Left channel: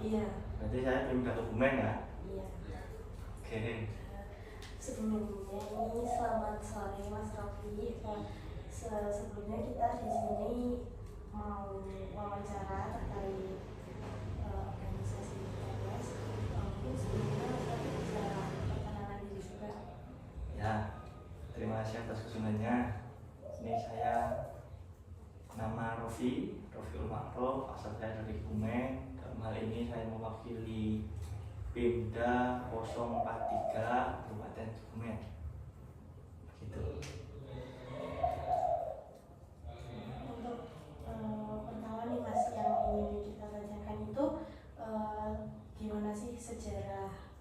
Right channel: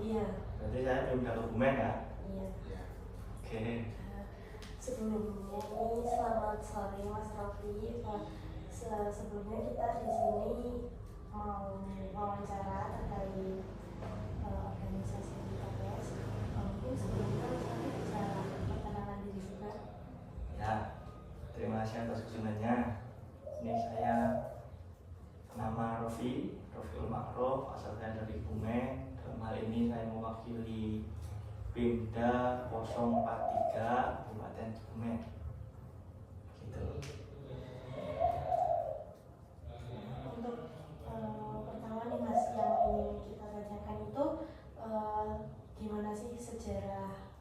Iya. Berarti saya pindah ke Bumen ya? Iya. Oke. Sebelumnya ini selamat sore Mas Rofi. Sebelumnya kita di sini mau wawancara terkait organisasi TPS. Mungkin sebelumnya Mas Rofi bisa perkenalan diri juga. Ya, terima kasih atas kesunannya. Ini saya nama Rofi Ulmakrof, asal saya dari Bumen. Dalam hal ini saya mewakili Pemda 043 Kabupaten Bumen. Gitu. Untuk pertama nih Mas, yang ingin kita tanyakan itu gimana sih sejarah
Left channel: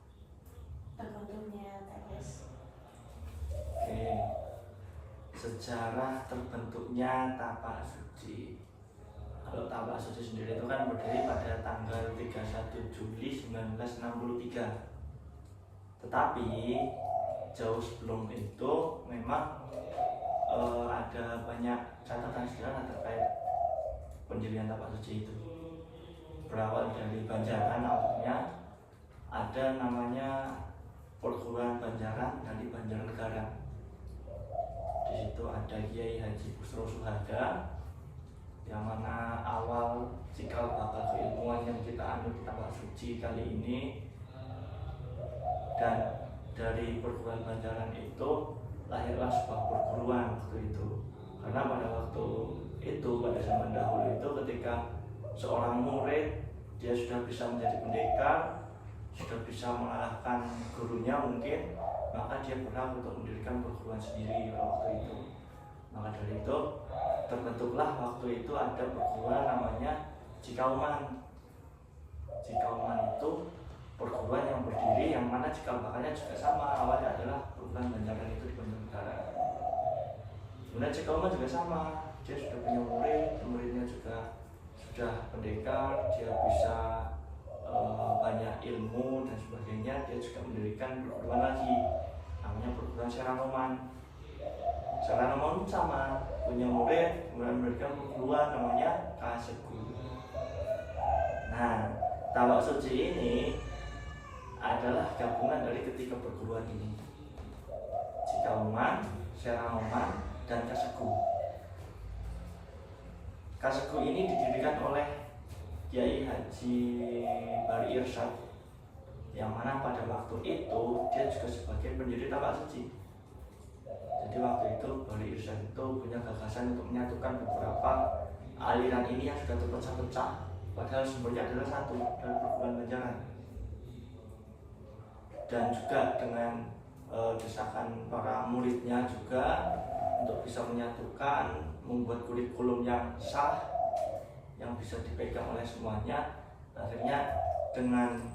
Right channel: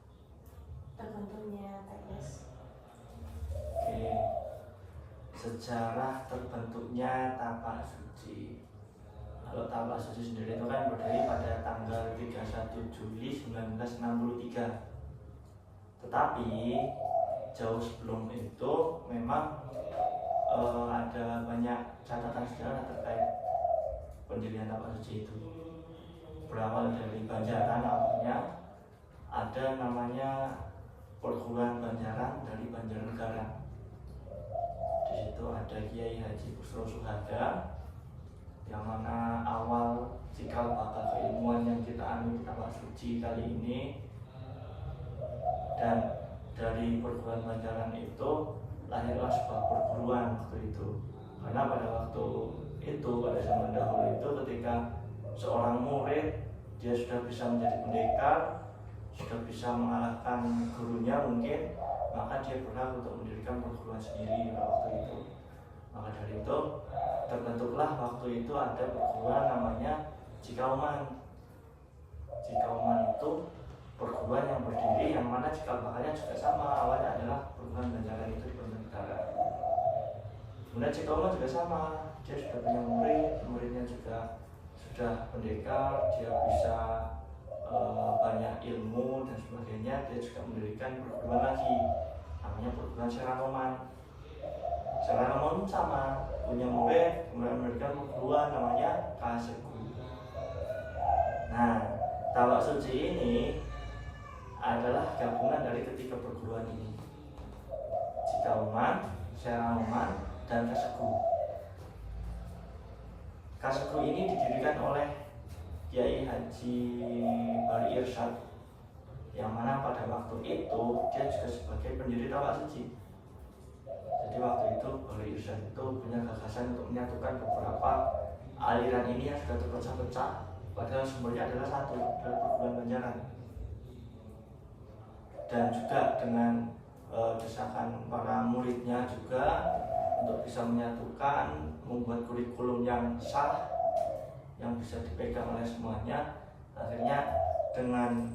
terbentuknya TPS? Oke. Sejarah terbentuknya Tapak Suci. Kalau Tapak Suci sendiri itu kan berdiri pada tanggal 31 Juli 1963. Tetapi jauh sebelum itu memang ada banyak catatan sejarah terkait pendirian Tapak Suci itu. Berawal dari Banjaran awalnya, ada namanya Perguruan Banjaran dari Banjarnegara. Di situ ada Kiai Haji Busro Suhada, yang mana awal cikal bakal keilmuan yang kita anut Tapak Suci kali ini. Dan dari perguruan Banjaran itu lahirlah sebuah perguruan waktu itu. Karena pada waktu itu, pada zaman dahulu itu, ketika seorang murid dia sudah bisa menjadi pendekar, sudah bisa mengalahkan gurunya mungkin, maka dia berhak untuk mendirikan perguruan sendiri pada waktu itu. Maka dari itu terbentuklah waktu itu ada perguruan namanya Cikauman. Cikauman itu perguruan yang berdiri, yang mana cikal bakalnya juga sama, awalnya adalah perguruan Banjaran itu di Banjarnegara. Kemudian Cikauman juga sama, dia sudah punya murid, muridnya juga sudah pendekar, dia bisa banyak ilmu dan sebagainya. Dia juga mendirikan perguruan lagi, namanya perguruan Seraroman. Seraroman sama, punya murid, kemudian mendirikan perguruan namanya Kaseku. Nah, Tapak Suci ini adalah gabungan dari ketiga perguruan ini, Cikauman, Seraroman, dan Kaseku. Kaseku ini didirikan oleh Kiai Haji Bari Irsyad, yang mana pada waktu itu dia juga sebagai pendiri Tapak Suci. Jadi waktu itu Bari Irsyad itu punya gagasan untuk menyatukan beberapa aliran ini yang sudah terpecah-pecah, padahal sumbernya adalah satu, adalah perguruan Banjaran. Dan juga dengan desakan para muridnya juga untuk bisa menyatukan, membuat kurikulum yang sah, yang bisa dipegang oleh semuanya. Akhirnya dengan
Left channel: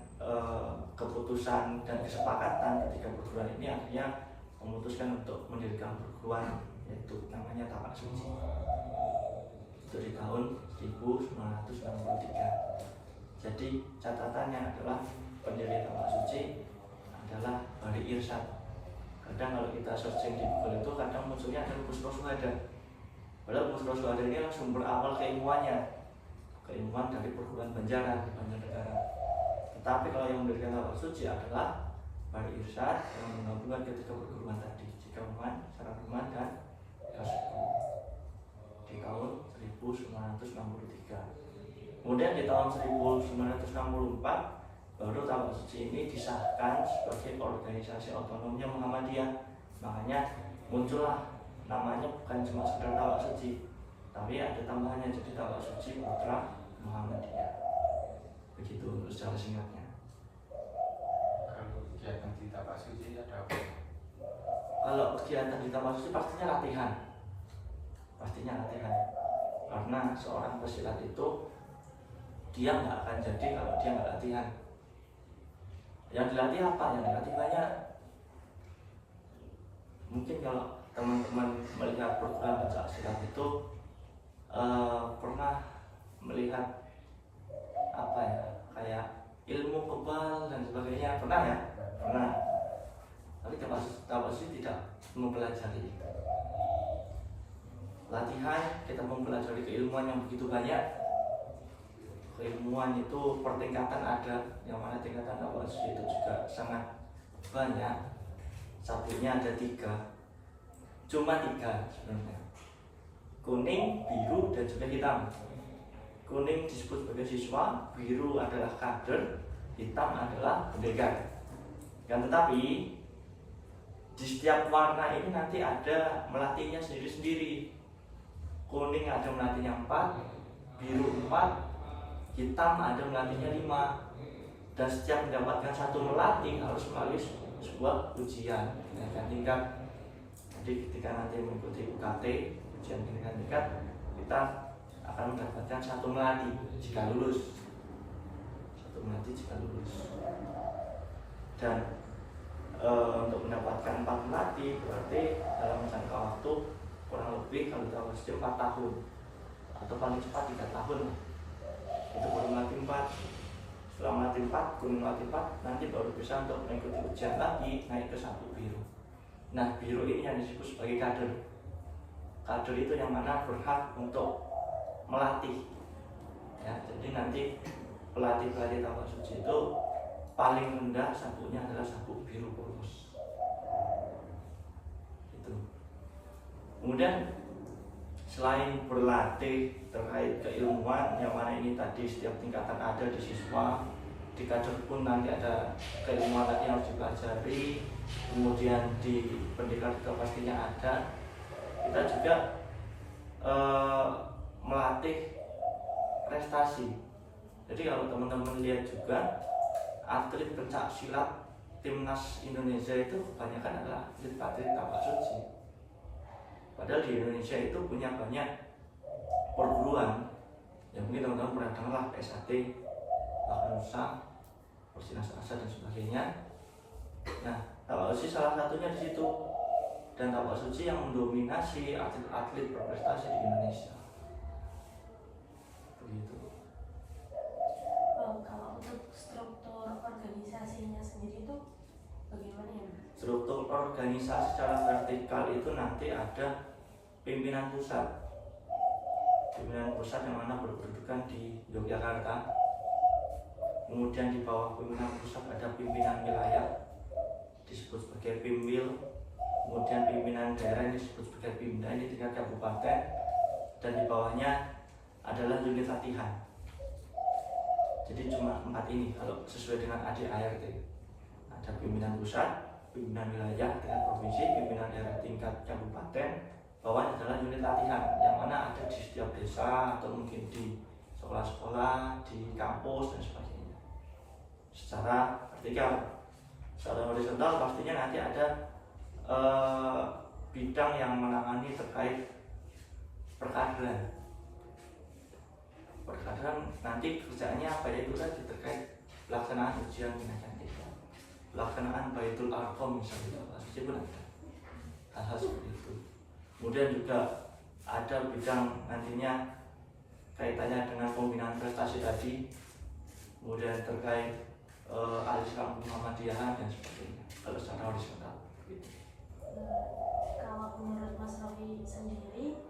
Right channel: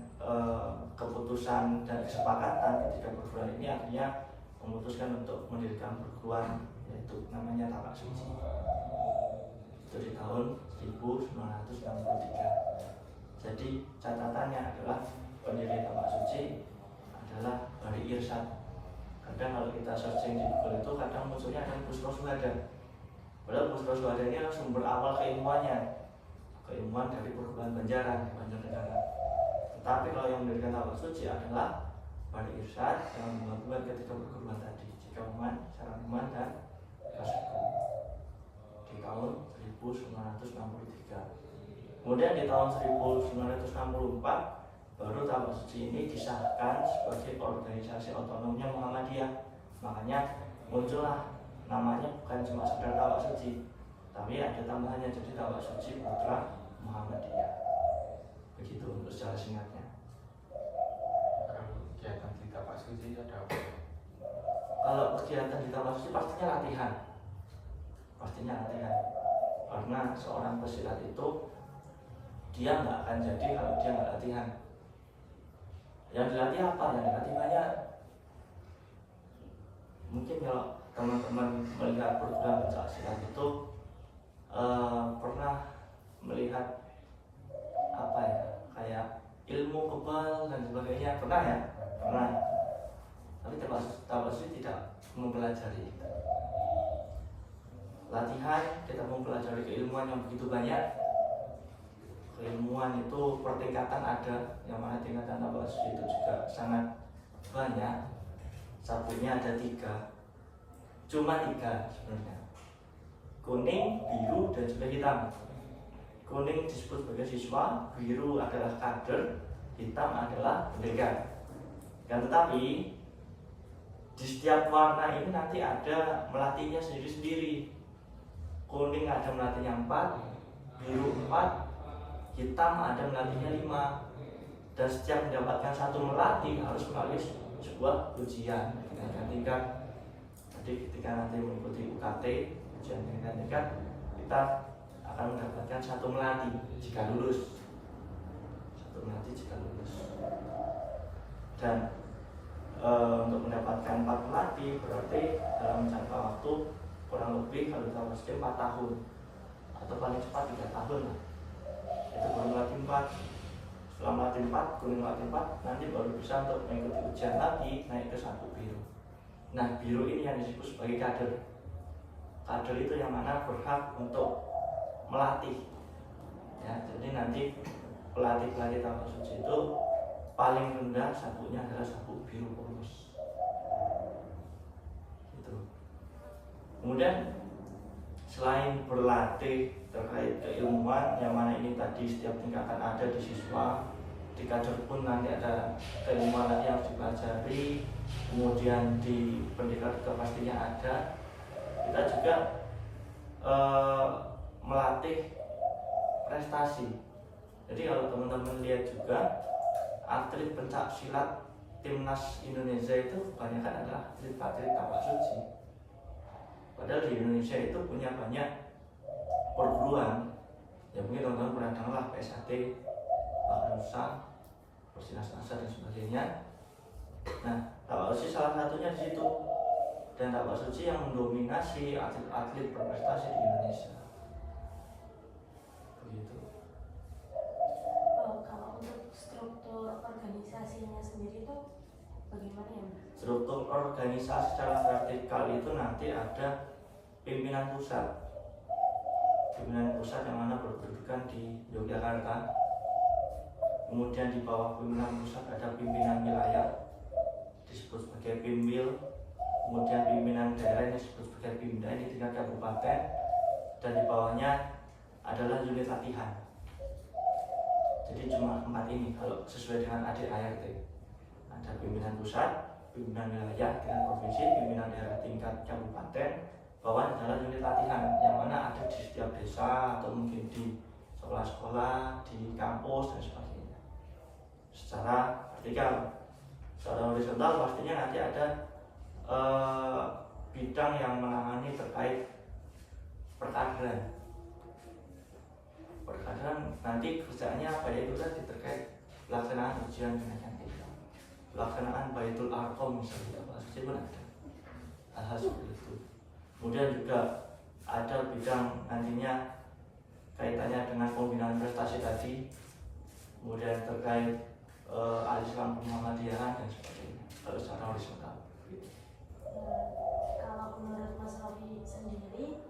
keputusan dan kesepakatan ketiga perguruan ini, akhirnya memutuskan untuk mendirikan perguruan, yaitu namanya Tapak Suci. Itu di tahun 1963. Jadi catatannya adalah pendiri Tapak Suci adalah Bari Irsyad. Kadang kalau kita searching di Google itu kadang munculnya ada Busro Suhada. Padahal Busro Suhada ini adalah sumber awal keilmuannya, keilmuan dari perguruan Banjaran, Banjarnegara. Tetapi kalau yang mendirikan Tapak Suci adalah Bari Irsyad, yang menggabungkan ketiga perguruan tadi, Cikauman, Seraroman, dan Kaseku, di tahun 1963. Kemudian di tahun 1964 baru Tapak Suci ini disahkan sebagai organisasi otonomnya Muhammadiyah. Makanya muncullah namanya bukan cuma sekedar Tapak Suci, tapi ada tambahannya jadi Tapak Suci Putra Muhammadiyah. Begitu untuk secara singkatnya. Kalau kegiatan di Tapak Suci ada apa? Kalau kegiatan di Tapak Suci pastinya latihan. Karena seorang pesilat itu dia nggak akan jadi kalau dia nggak latihan. Yang dilatih apa? Yang dilatih banyak. Mungkin kalau teman-teman melihat program pencak silat itu pernah melihat apa ya, kayak ilmu kebal dan sebagainya, pernah ya? Pernah. Tapi Tapak Suci tidak mempelajari itu. Latihan kita mempelajari keilmuan yang begitu banyak, keilmuan itu pertingkatan ada, yang mana tingkatan tabak suci itu juga sangat banyak. Sabuknya ada 3, cuma 3 sebenarnya, kuning, biru, dan juga hitam. Kuning disebut sebagai siswa, biru adalah kader, hitam adalah pendekar. Kan tetapi di setiap warna ini nanti ada melatihnya sendiri-sendiri. Kuning ada melatihnya 4, biru 4, hitam ada melatihnya 5. Dan setiap mendapatkan satu melatih harus melalui sebuah ujian kenaikan tingkat. Jadi ketika nanti mengikuti UKT, ujian kenaikan tingkat, kita akan mendapatkan satu melatih jika lulus. Satu melatih jika lulus. Dan untuk mendapatkan 4 melatih berarti dalam jangka waktu kurang lebih kalau kita masih 4 tahun atau paling cepat 3 tahun lah. Itu baru melatih 4. Setelah melatih 4, kuning melatih 4, nanti baru bisa untuk mengikuti ujian lagi naik ke sabuk biru. Nah, biru ini yang disebut sebagai kader. Kader itu yang mana berhak untuk melatih. Ya, jadi nanti pelatih-pelatih tabak suci itu paling rendah sabuknya adalah sabuk biru kurus. Itu. Kemudian selain berlatih terkait keilmuan, yang mana ini tadi setiap tingkatan ada di siswa, di kader pun nanti ada keilmuan lagi yang harus dipelajari. Kemudian di pendidikan juga pastinya ada. Kita juga melatih prestasi. Jadi kalau teman-teman lihat juga atlet pencak silat timnas Indonesia itu kebanyakan adalah atlet tabak suci. Padahal di Indonesia itu punya banyak perguruan. Ya mungkin teman-teman pernah dengar lah PSAT, Bakanusa, Persinas Asa dan sebagainya. Nah, tabak suci salah satunya di situ. Dan tabak suci yang mendominasi atlet-atlet berprestasi di Indonesia. Begitu. Kalau untuk struktur organisasinya sendiri itu bagaimana ya, Mas? Struktur organisasi secara vertikal itu nanti ada pimpinan pusat. Pimpinan pusat yang mana berkedudukan di Yogyakarta. Kemudian di bawah pimpinan pusat ada pimpinan wilayah disebut sebagai Pimwil. Kemudian pimpinan daerah ini disebut sebagai Pimda, ini tingkat kabupaten. Dan di bawahnya adalah unit latihan. Jadi cuma 4 ini kalau sesuai dengan ADART. Ada pimpinan pusat, pimpinan wilayah tingkat provinsi, pimpinan daerah tingkat kabupaten. Bawahnya adalah unit latihan yang mana ada di setiap desa atau mungkin di sekolah-sekolah, di kampus dan sebagainya. Secara vertikal, secara horizontal pastinya nanti ada bidang yang menangani terkait perkaderan. Perkaderan nanti kerjaannya apa, yaitu tadi terkait pelaksanaan ujian kenaikan tingkat, pelaksanaan Baitul Arqam misalnya, pasti pun ada hal-hal seperti itu. Kemudian juga ada bidang nantinya kaitannya dengan pembinaan prestasi tadi, kemudian terkait Al-Islam Muhammadiyahan dan sebagainya. Kalau secara horizontal gitu. Kalau menurut Mas Rofi sendiri,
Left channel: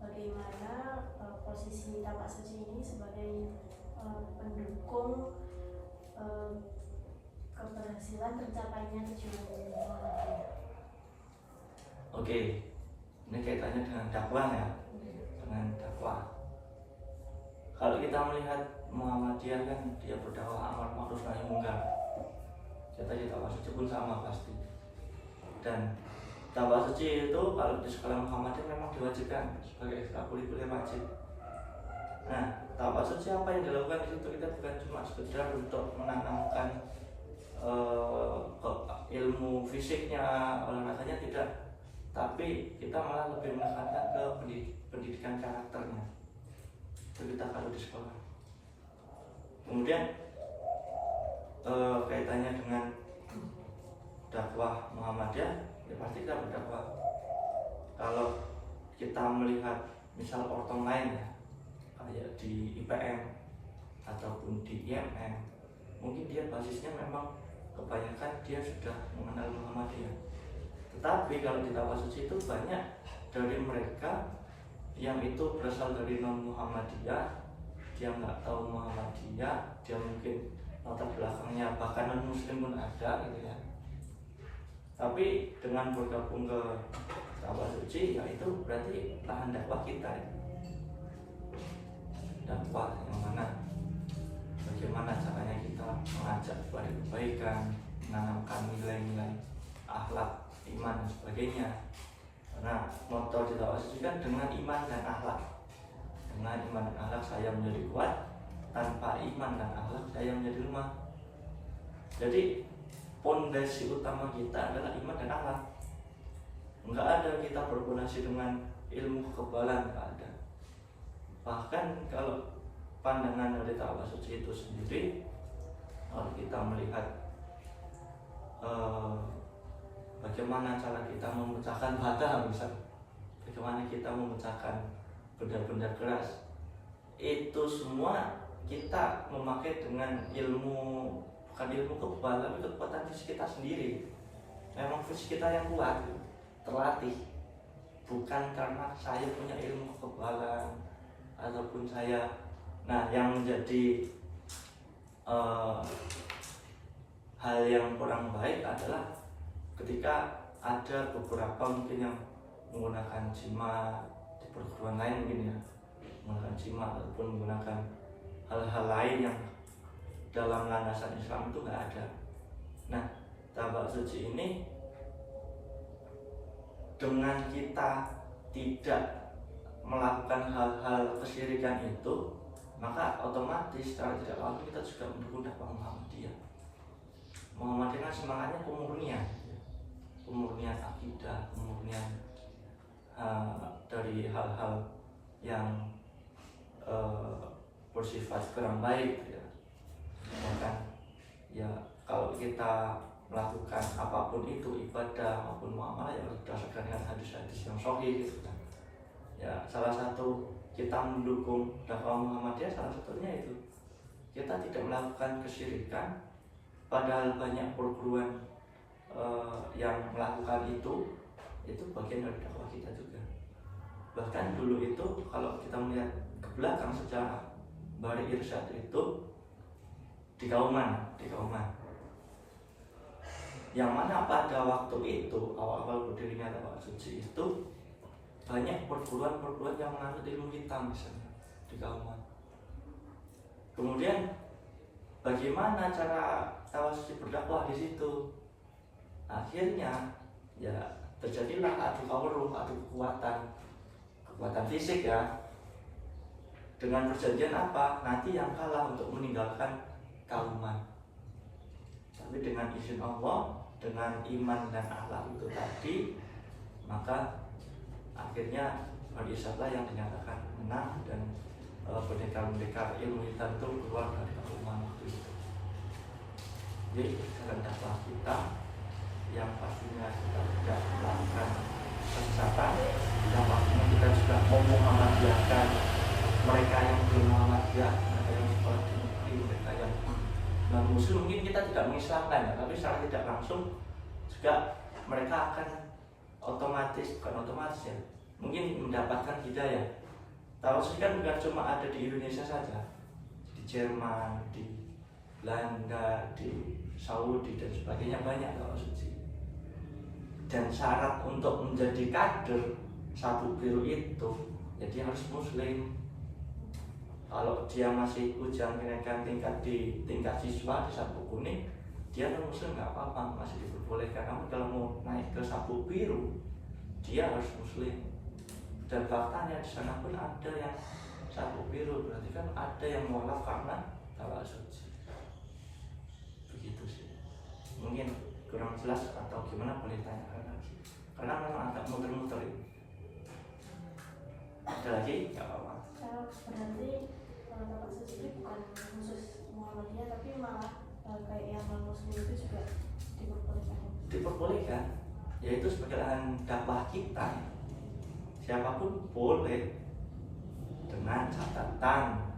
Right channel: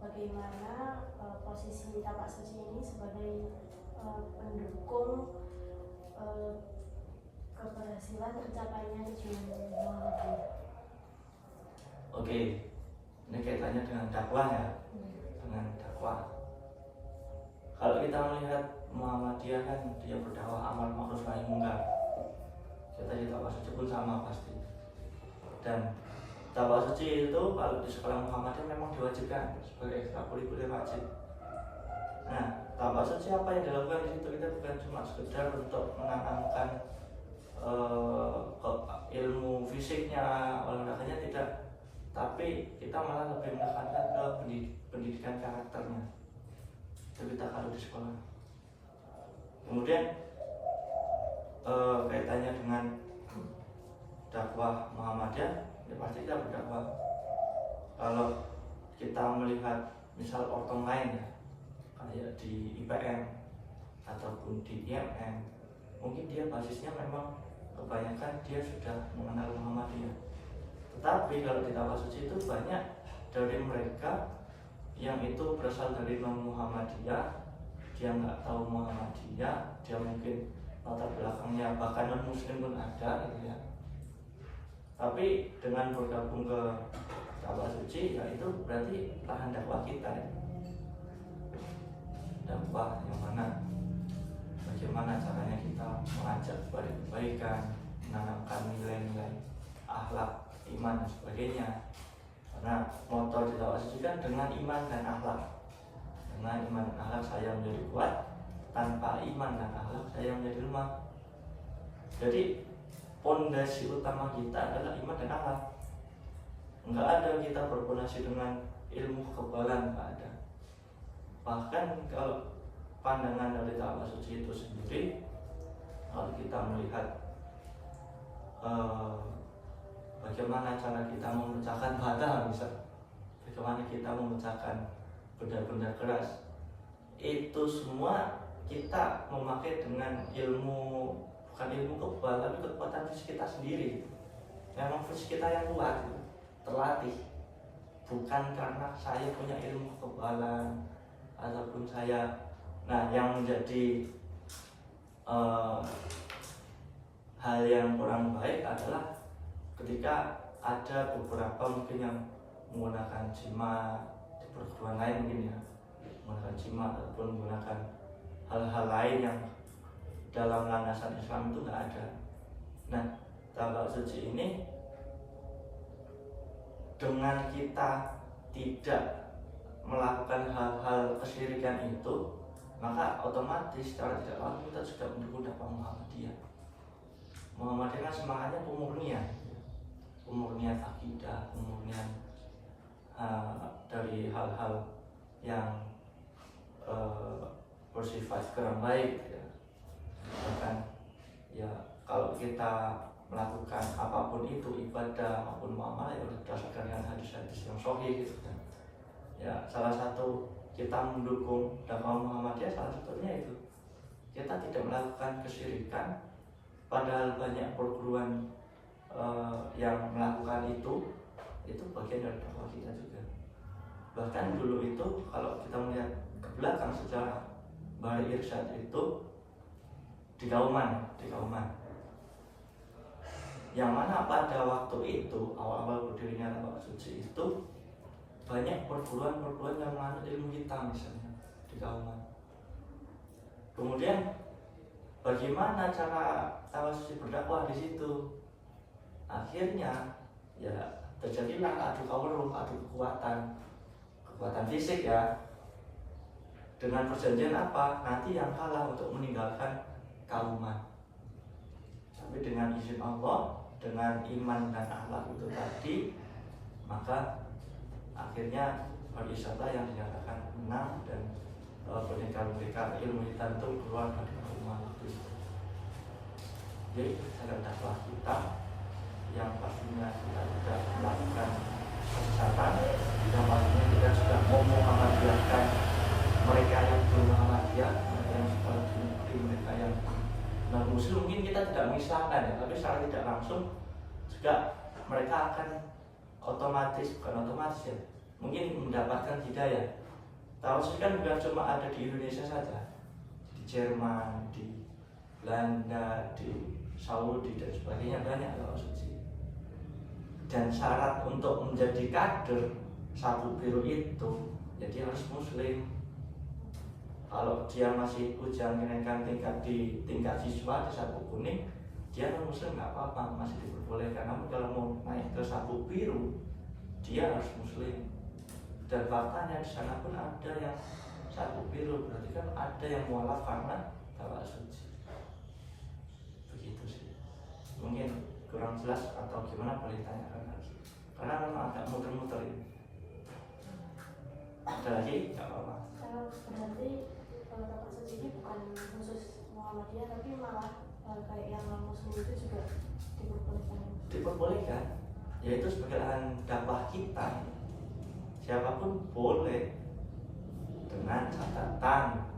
bagaimana posisi tabak suci ini sebagai pendukung keberhasilan tercapainya tujuan Muhammadiyah? Oke, ini kaitannya dengan dakwah ya, dengan dakwah. Kalau kita melihat Muhammadiyah kan dia berdakwah amar ma'ruf nahi mungkar. Kita di tabak suci pun sama pasti. Dan tabak suci itu kalau di sekolah Muhammadiyah memang diwajibkan sebagai ekstrakurikuler wajib. Nah, tabak suci apa yang dilakukan di situ? Kita bukan cuma sekedar untuk menanamkan ilmu fisiknya, olahraganya tidak, tapi kita malah lebih menekankan ke pendidikan karakternya. Itu kita kalau di sekolah. Kemudian kaitannya dengan dakwah Muhammadiyah, ya pasti kita berdakwah. Kalau kita melihat misal ortom lain ya, kayak di IPM ataupun di IMM, mungkin dia basisnya memang kebanyakan dia sudah mengenal Muhammadiyah. Tetapi kalau di tabak suci itu banyak dari mereka yang itu berasal dari non Muhammadiyah, dia nggak tahu Muhammadiyah, dia mungkin latar belakangnya bahkan non muslim pun ada gitu ya. Tapi dengan bergabung ke dakwah suci, ya itu berarti lahan dakwah kita ya. Dakwah yang mana bagaimana caranya kita mengajak kepada kebaikan, menanamkan nilai-nilai akhlak, iman dan sebagainya. Karena motor di dakwah suci kan dengan iman dan akhlak. Dengan iman dan akhlak saya menjadi kuat, tanpa iman dan akhlak saya menjadi lemah. Jadi pondasi utama kita adalah iman dan akhlak. Enggak ada kita berfondasi dengan ilmu kekebalan, enggak ada. Bahkan kalau pandangan dari dakwah suci itu sendiri, kalau kita melihat bagaimana cara kita memecahkan bata, misalnya bagaimana kita memecahkan benda-benda keras, itu semua kita memakai dengan ilmu, bukan ilmu kebal, tapi kekuatan fisik kita sendiri. Memang fisik kita yang kuat, terlatih, bukan karena saya punya ilmu kekebalan ataupun saya. Nah, yang menjadi hal yang kurang baik adalah ketika ada beberapa mungkin yang menggunakan jimat di perguruan lain, mungkin ya menggunakan jimat ataupun menggunakan hal-hal lain yang dalam landasan Islam itu nggak ada. Nah, dakwah suci ini dengan kita tidak melakukan hal-hal kesyirikan itu, maka otomatis secara tidak langsung kita juga mendukung dakwah Muhammadiyah. Muhammadiyah kan semangatnya pemurnian akidah, pemurnian dari hal-hal yang bersifat kurang baik ya. Bahkan ya kalau kita melakukan apapun itu, ibadah maupun muamalah, ya berdasarkan dengan hadis-hadis yang sahih gitu kan. Ya salah satu kita mendukung dakwah Muhammadiyah, salah satunya itu kita tidak melakukan kesyirikan, padahal banyak perguruan yang melakukan itu bagian dari dakwah kita juga. Bahkan dulu itu kalau kita melihat ke belakang sejarah Bari Irsyad itu di Kauman, yang mana pada waktu itu awal-awal berdirinya dakwah suci itu banyak perguruan yang menganut ilmu hitam misalnya di Kauman. Kemudian bagaimana cara dakwah suci berdakwah di situ? Akhirnya ya terjadilah adu kawruh, adu kekuatan fisik ya. Dengan perjanjian apa? Nanti yang kalah untuk meninggalkan Kauman. Tapi dengan izin Allah, dengan iman dan akhlak itu tadi, maka akhirnya Al-Isyadlah yang dinyatakan menang dan pendekar-pendekar ilmu hitam itu keluar dari Kauman waktu itu. Jadi dalam dakwah kita yang pastinya kita tidak melakukan kesesatan, yang pastinya kita juga memuhammadiyahkan mereka yang belum Muhammadiyah, ada yang seperti mereka yang non muslim. Mungkin kita tidak mengislamkan ya, tapi secara tidak langsung juga mereka akan bukan otomatis ya, mungkin mendapatkan hidayah. Tahu sih kan bukan cuma ada di Indonesia saja, di Jerman, di Belanda, di Saudi dan sebagainya banyak dakwah suci. Dan syarat untuk menjadi kader Sabu Biru itu, ya dia harus muslim. Kalau dia masih ujang kenaikan tingkat di tingkat siswa di Sabu Kuning, dia non muslim nggak apa-apa, masih diperbolehkan. Namun kalau mau naik ke Sabu Biru, dia harus muslim. Dan faktanya di sana pun ada yang Sabu Biru, berarti kan ada yang mualaf karena dakwah suci. Begitu sih. Mungkin kurang jelas atau gimana boleh tanyakan lagi, karena memang agak muter-muter ini. Ada lagi? Nggak apa-apa. Berarti dakwah suci ini bukan khusus Muhammadiyah, tapi malah kayak yang non muslim itu juga diperbolehkan. Diperbolehkan, yaitu sebagai dakwah kita. Siapapun boleh, dengan catatan,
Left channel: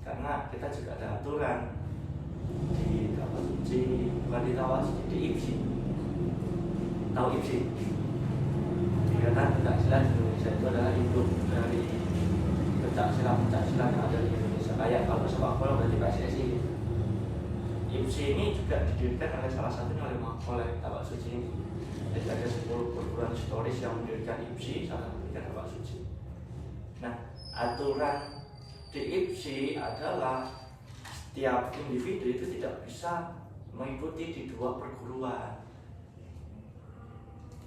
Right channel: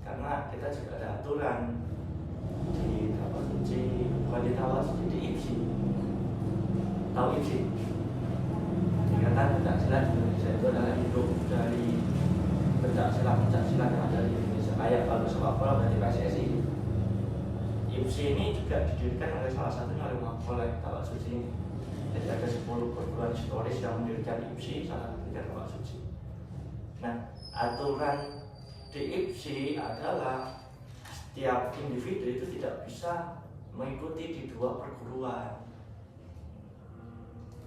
karena kita juga ada aturan di dakwah suci, bukan di dakwah suci, di IPSI. Tahu IPSI? Ikatan Pencak Silat Indonesia itu adalah hidup dari pencak silat yang ada di Indonesia. kayak kalau sepak bola berarti PSSI. IPSI ini juga didirikan oleh salah satunya oleh Tapak Suci ini. Jadi ada 10 perguruan historis yang mendirikan IPSI, salah satunya Tapak Suci. Nah, aturan di IPSI adalah setiap individu itu tidak bisa mengikuti di 2 perguruan.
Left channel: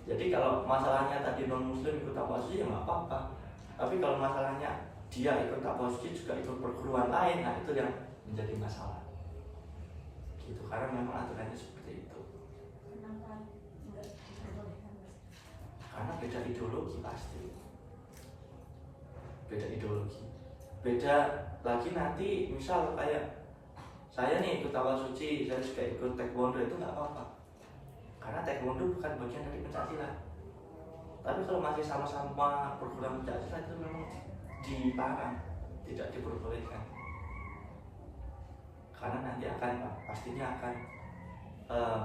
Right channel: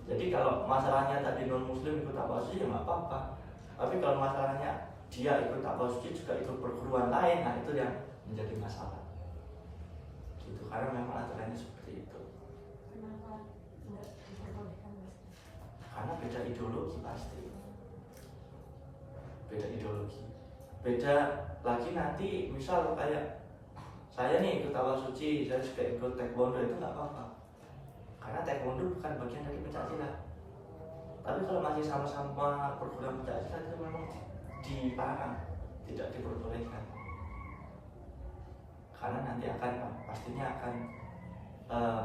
Jadi kalau masalahnya tadi non muslim ikut Tapak Suci ya nggak apa-apa. Tapi kalau masalahnya dia ikut Tapak Suci juga ikut perguruan lain, nah itu yang menjadi masalah. Gitu, karena memang aturannya seperti itu. Kenapa enggak diperbolehkan, Mas? Karena beda ideologi pasti. Beda ideologi. Beda lagi nanti misal kayak saya nih ikut Tapak Suci, saya juga ikut taekwondo, itu nggak apa-apa. Karena taekwondo bukan bagian dari pencaksilat. Tapi kalau masih sama-sama perguruan pencaksilat itu memang dilarang, tidak diperbolehkan. Karena nanti pastinya akan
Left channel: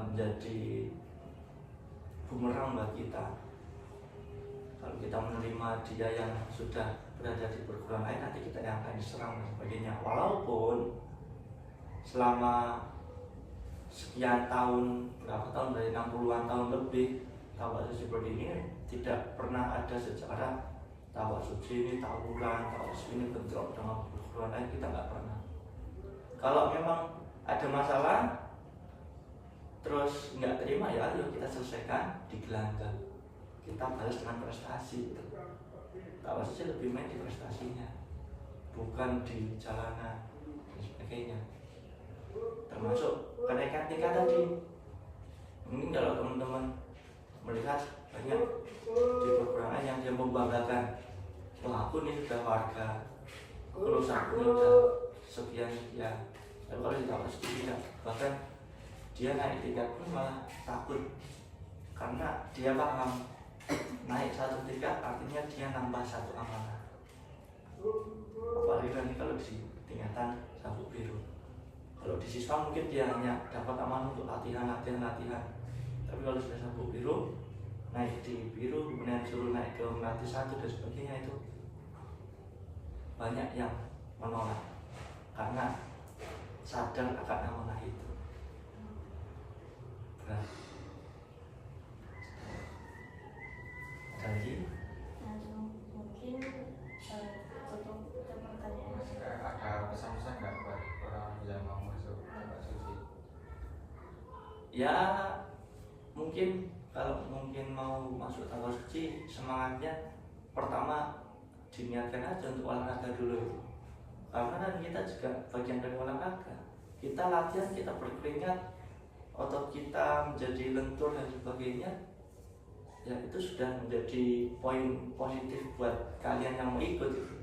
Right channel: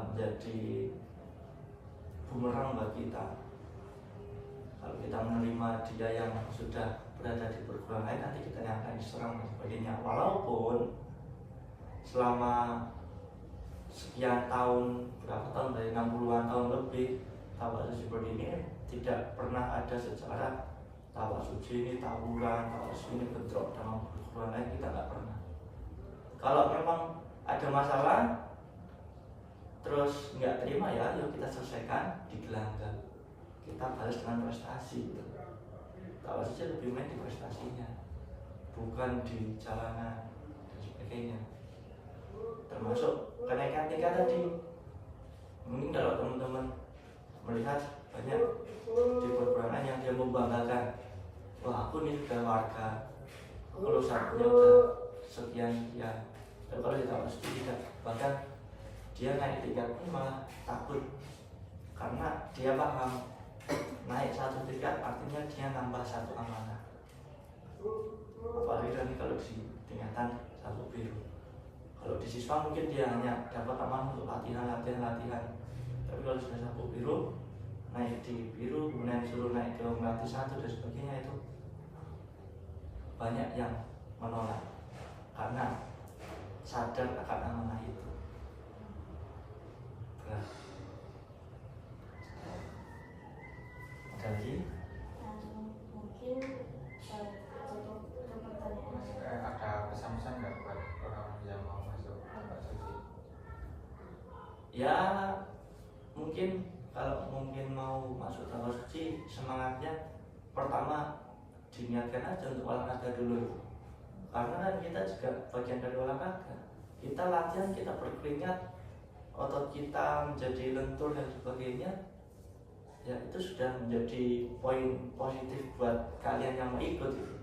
menjadi bumerang bagi kita. Kalau kita menerima dia yang sudah berada di perguruan lain, nanti kita yang akan diserang dan sebagainya. Walaupun selama sekian tahun, berapa tahun, dari 60-an tahun lebih, Tapak Suci berdiri tidak pernah ada sejarah Tapak Suci ini tawuran, Tapak Suci ini bentrok dengan perguruan lain, kita nggak pernah. Kalau memang ada masalah terus nggak terima, ya ayo kita selesaikan di gelanggang, kita balas dengan prestasi. Tapak Suci lebih main di prestasinya, bukan di jalanan dan sebagainya. Termasuk kenaikan tingkat tadi. Mungkin kalau teman-teman melihat banyak di perguruan yang dia membanggakan, wah aku nih sudah warga, aku lulusannya udah sekian ya. Tapi kalau di Tapak Suci tidak, bahkan dia naik tingkat pun malah takut, karena dia paham naik 1 tingkat artinya dia nambah 1 amanah. Apalagi nanti kalau di tingkatan sabuk biru. Kalau di siswa mungkin dia hanya dapat amanah untuk latihan. Tapi kalau sudah sabuk biru, naik di biru, kemudian suruh naik ke melati 1 dan sebagainya, itu banyak yang menolak karena sadar akan amanah itu. Berat. Ada lagi? Mungkin untuk pertanyaan Ada pesan-pesan nggak buat orang yang mau masuk Tapak Suci? Ya mungkin kalau mau masuk Tapak Suci, semangatnya pertama diniatkan aja untuk olahraga dulu. Karena kan kita juga bagian dari olahraga. Kita latihan, kita berkeringat, otot kita menjadi lentur dan sebagainya. Ya itu sudah menjadi poin positif buat kalian yang mau ikut itu.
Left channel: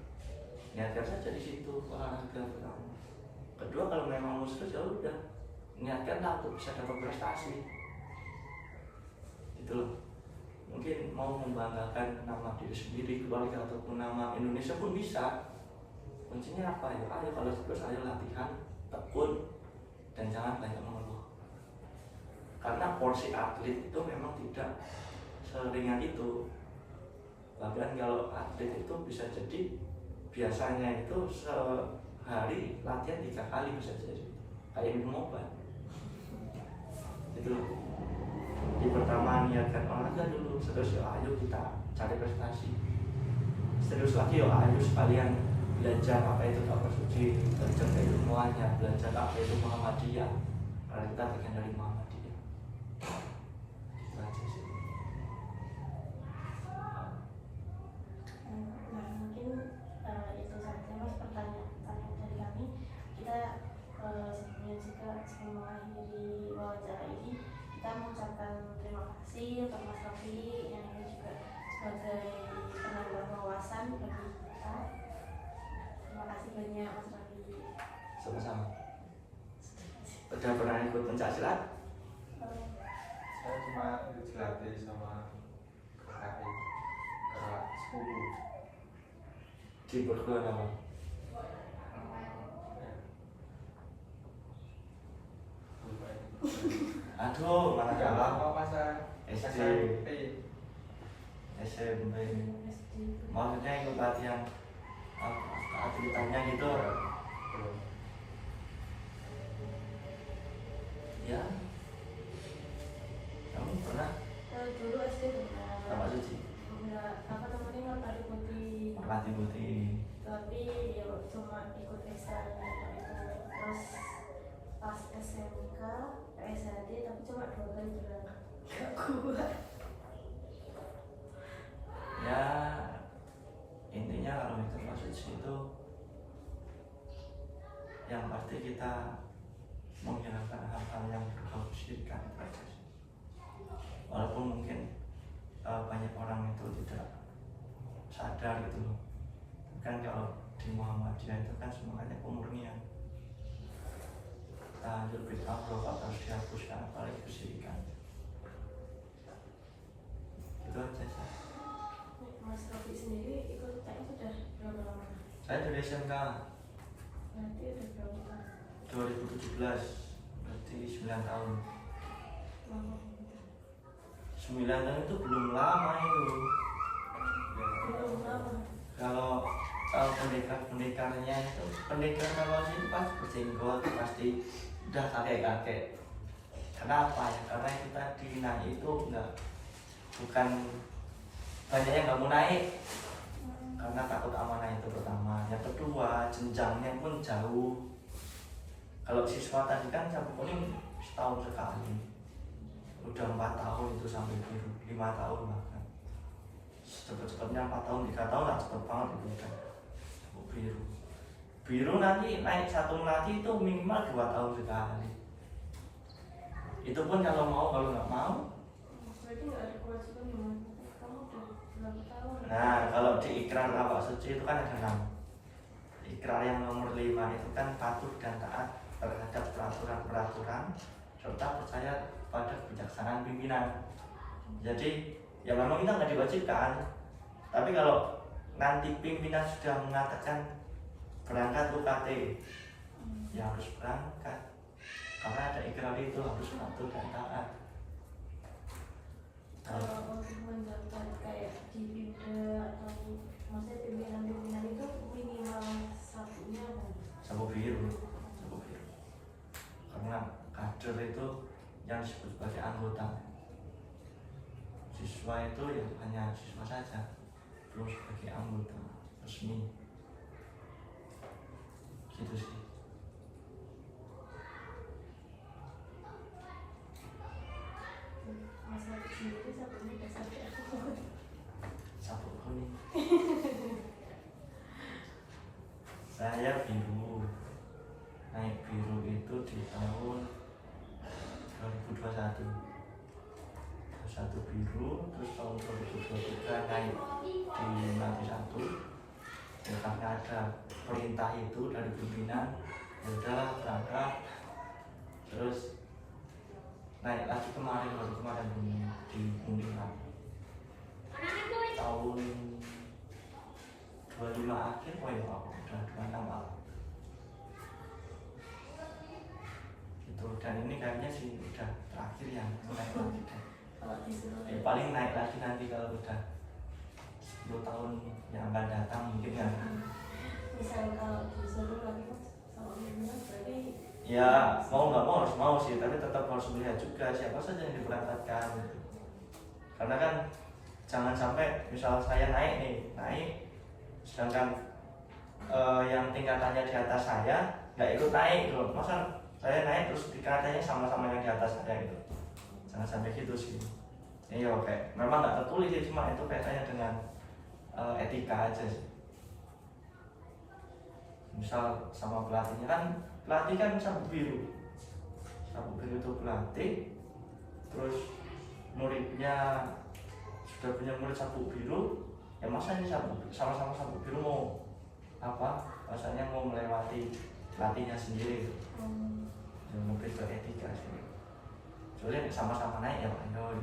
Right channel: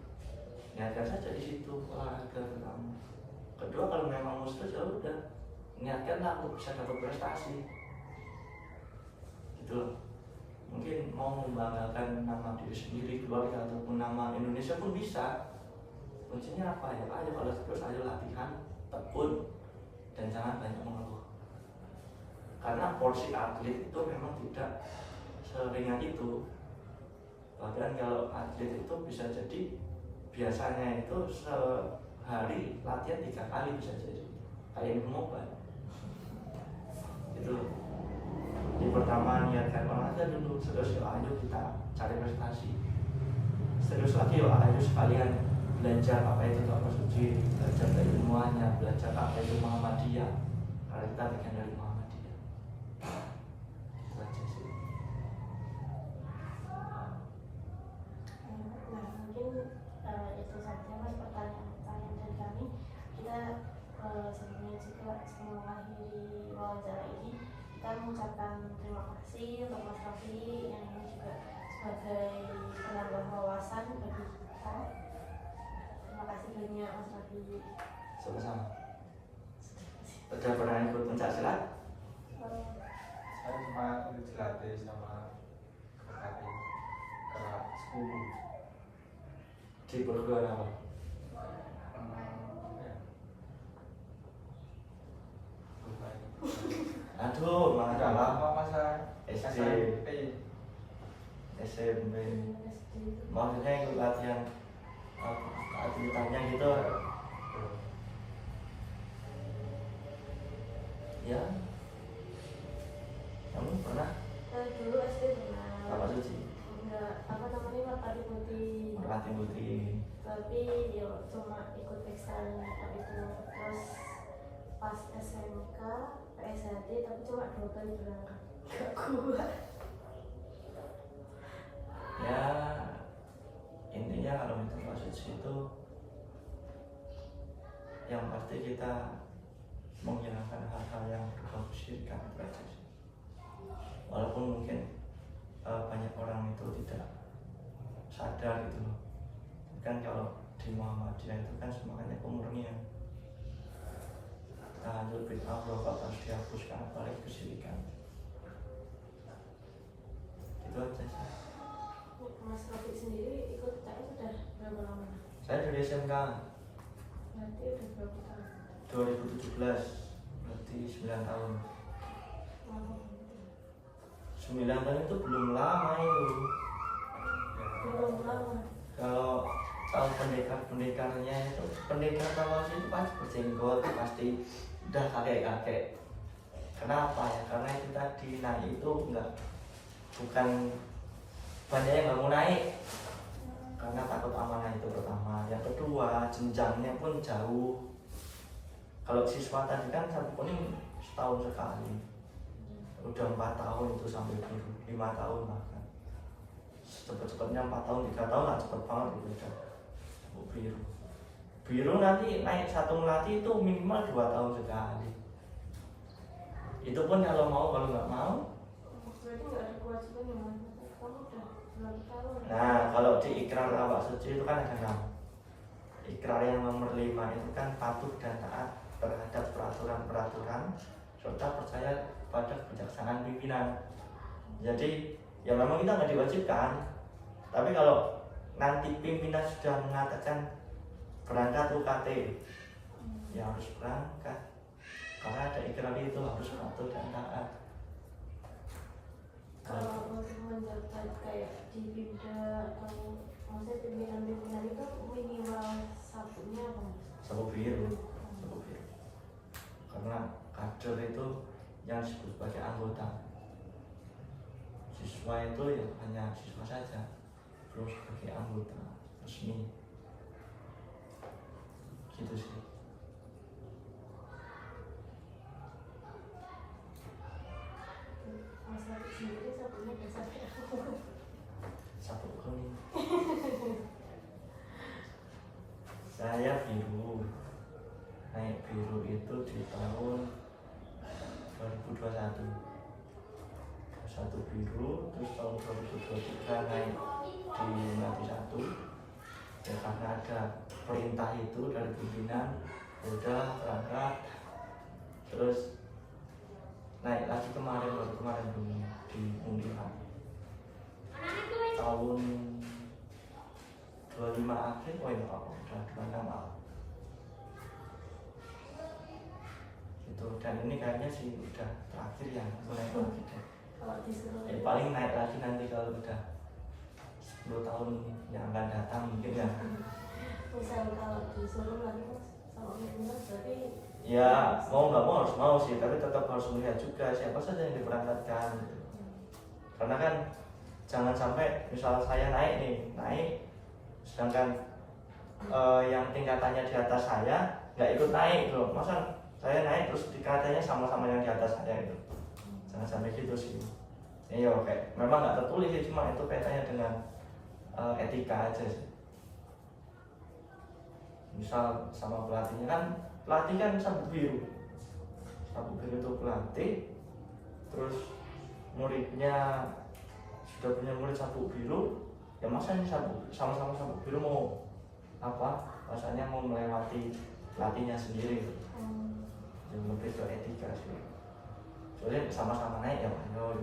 Niatkan saja di situ olahraga pertama. Kedua, kalau memang mau serius ya udah niatkanlah untuk bisa dapat prestasi. Gitu loh. Mungkin mau membanggakan nama diri sendiri, keluarga ataupun nama Indonesia pun bisa. Kuncinya apa ya? Ayo kalau terus ayo latihan, tekun, dan jangan banyak mengeluh. Karena porsi atlet itu memang tidak seringan itu. Bahkan kalau atlet itu bisa jadi biasanya itu sehari latihan 3 kali bisa jadi, kayak minum obat. Gitu. Di pertama niatkan olahraga dulu, terus ayo kita cari prestasi. Serius lagi ayo sekalian belajar apa itu Tapak Suci, belajar keilmuannya, belajar apa itu Muhammadiyah. Karena kita bagian dari Muhammadiyah. Itu aja sih. Nah, mungkin itu saja Mas pertanyaan dari kami. Kita sebenarnya juga sebelum mengakhiri wawancara ini, kita mengucapkan terima kasih untuk Mas Raffi yang ini juga sebagai penambah wawasan bagi kita. Terima kasih banyak Mas Raffi. Sama-sama. Udah pernah ikut pencaksilat? Saya cuma ikut dilatih sama kakak sepupu. Di perguruan apa? Aduh, mana Udah lama masa SD. SMP. Maksudnya ikut latihan aktivitasnya gitu. Ya, kamu pernah Dulu SD pernah. Bapak Suci? Enggak, apa namanya, merpati putih. Merpati putih. Tapi ya cuma ikut ekstra itu. Terus pas SMK PSHD tapi cuma 2 kali berangkat, gak kuat. Ya, intinya kalau itu Pak Suci itu yang pasti kita menghilangkan hal-hal yang berbau kesyirikan itu aja sih. Walaupun mungkin banyak orang itu tidak sadar gitu loh. Kan kalau di Muhammadiyah itu kan semuanya pemurnian. Tahajud bid'ah rokok harus dihapuskan, apalagi kesyirikan. Itu aja sih. Mas Rofi sendiri ikut TKI sudah berapa lama? Saya dari SMK Berarti udah berapa tahun? 2017, berarti 9 tahun. Lama. 9 tahun itu belum lama itu. Belum lama. Kalau pendekar-pendekarnya itu, pendekar kalau itu pasti berjenggot, pasti udah kakek-kakek. Kenapa ya? Karena itu tadi naik itu bukan banyak yang nggak mau naik karena takut amanah itu pertama. Yang kedua, jenjangnya pun jauh. Kalau siswa tadi kan sabuk kuning setahun sekali, udah 4 tahun itu sampai biru, 5 tahun bahkan. Cepet-cepetnya 4 tahun, 3 tahun lah, cepet banget itu kan. Sabuk biru. Biru nanti naik satu melati itu minimal 2 tahun sekali. Itu pun kalau mau, kalau nggak mau. Berarti nggak ada kewajiban yang mana? Kamu udah berapa tahun? Nah, kalau di ikrar Bapak Suci itu kan ada 6. Ikrar yang nomor 5 itu kan patuh dan taat terhadap peraturan-peraturan serta percaya pada kebijaksanaan pimpinan. Jadi ya memang kita nggak diwajibkan, tapi kalau nanti pimpinan sudah mengatakan berangkat UKT, ya harus berangkat karena ada ikrar itu, harus patuh dan taat. Kalau waktu menjabat kayak di Bida atau maksudnya pimpinan-pimpinan itu minimal sabuknya apa? Sabuk biru, sabuk biru. Karena kader itu yang disebut sebagai anggota. Siswa itu ya hanya siswa saja, belum sebagai anggota resmi. Gitu sih. Mas Rofi sendiri sabuknya dasar apa? Sabuk kuning. Saya biru. Naik biru itu di tahun 2021. Satu biru, terus tahun 2023 naik di nanti 1. Ya karena ada perintah itu dari pimpinan, ya udah berangkat. Terus naik lagi baru kemarin di Undiran tahun 25 akhir. Oh ya aku udah 26 malah itu. Dan ini kayaknya sih udah terakhir yang mulai lagi deh. Kalau disuruh Paling naik lagi nanti kalau udah 10 tahun yang akan datang mungkin ya. misal kalau disuruh lagi Mas sama pimpinan berarti Ya mau nggak mau harus mau sih, tapi tetap harus melihat juga siapa saja yang diberangkatkan gitu. Karena kan jangan sampai misal saya naik, sedangkan yang tingkatannya di atas saya nggak ikut naik gitu. Masa saya naik terus tingkatannya sama-sama yang di atas saya gitu. Jangan sampai gitu sih. Iya oke, memang nggak tertulis sih, cuma itu kaitannya dengan etika aja sih. Misal sama pelatihnya kan, pelatih kan sabuk biru itu pelatih, terus muridnya sudah punya murid sabuk biru, ya masa ini sama-sama sabuk biru mau apa? Rasanya mau melewati pelatihnya sendiri gitu. Yang lebih ke etika sih. Soalnya sama-sama naik ya, ayo